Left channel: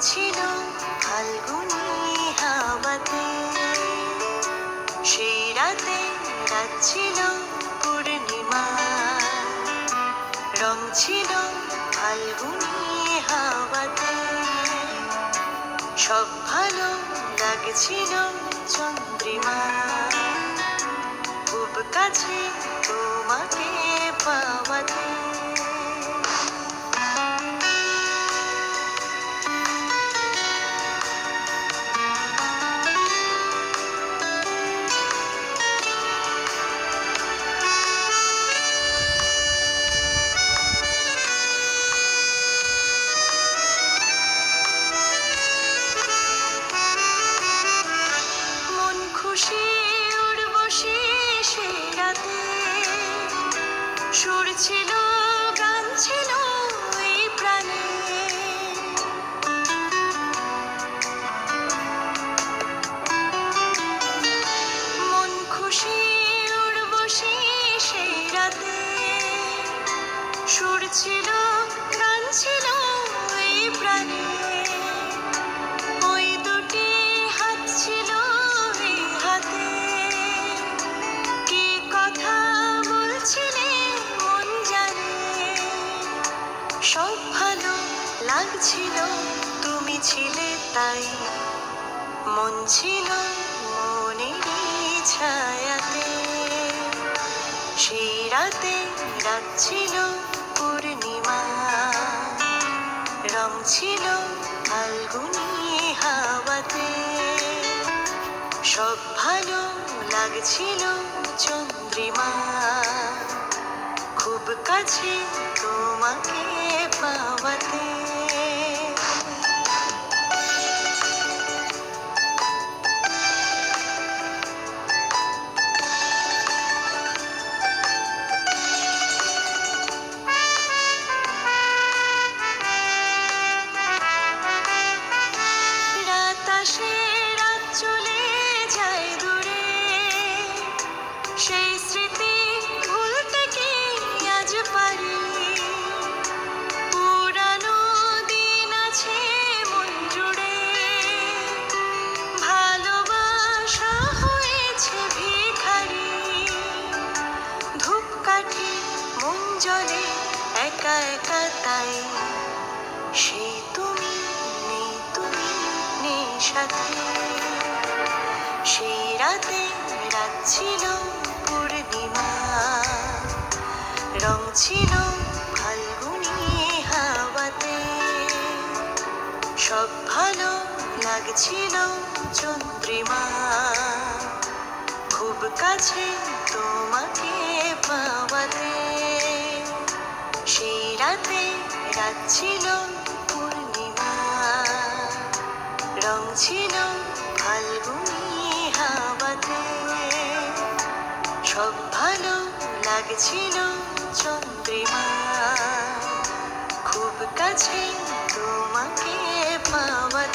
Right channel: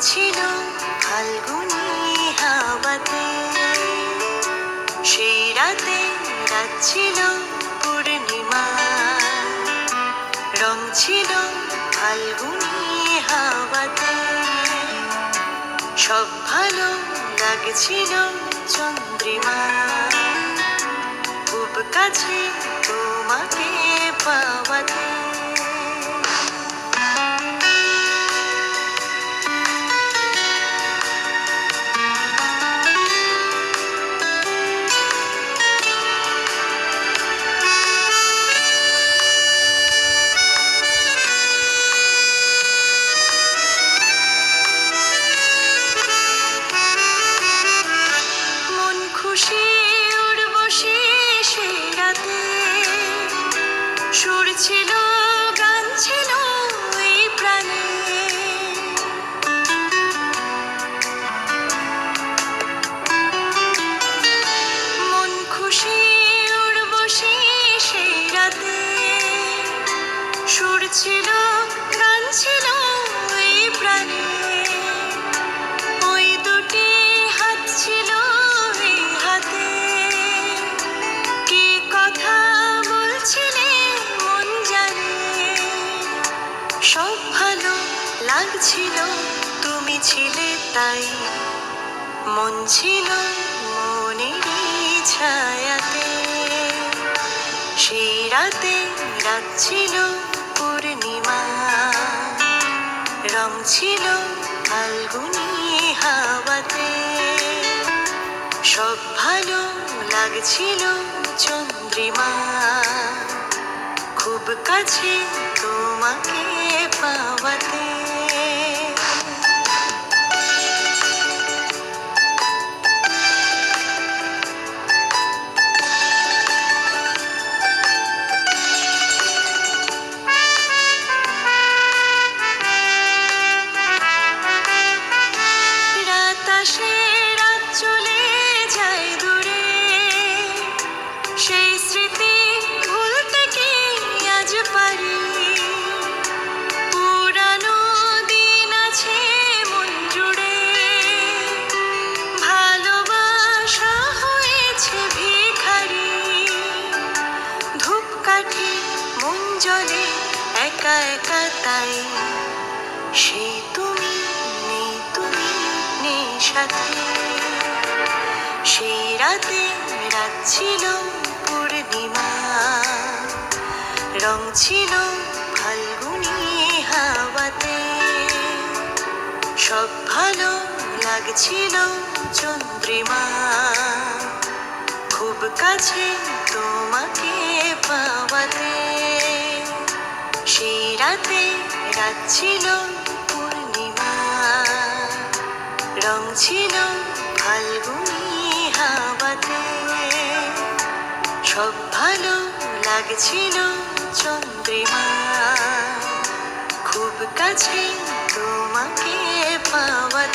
ছিল ফাল্গুনি হাওয়াতে, সেই রাতে রাত ছিল পূর্ণিমা, রং ছিল ফাল্গুনি হাওয়াতে, সব ভালো লাগছিল চন্দ্রিমা, খুব কাছে তোমাকে পাওয়াতে। খুশি উর্বশী সে রাতে, সুর ছিল গান ছিল এই প্রাণে, মন খুশি উর্বশী সে রাতে, সুর ছিল গান ছিল এই প্রাণে, ওই দুটি হাত ছিল সব ভালো লাগছিল তুমি ছিলে তাই, মন ছিল মনেরই ছায়াতে, সেই রাতে রাত ছিল পূর্ণিমা, রং ছিল ফাল্গুনি হাওয়াতে, সব ভালো লাগছিল চন্দ্রিমা, খুব কাছে তোমাকে পাওয়াতে। রাত আসে রাত চলে যায় দূরে, সেই স্মৃতি ভুলতে কি আজ পারি, পুরানো দিন আছে মন জুড়ে, ভালোবাসা হয়েছে ভিখারি, ধূপকাঠি মন জ্বলে একা একা তাই, সেই তুমি নেই, তুমি নেই সাথে, সেই রাতে রাত ছিল পূর্ণিমা, রং ছিল ফাল্গুনি হাওয়াতে, সব ভালো লাগছিল চন্দ্রিমা, খুব কাছে তোমাকে পাওয়াতে, সেই রাতে রাত ছিল পূর্ণিমা, রং ছিল ফাল্গুনি হাওয়াতে, সব ভালো লাগছিল চন্দ্রিমা, খুব কাছে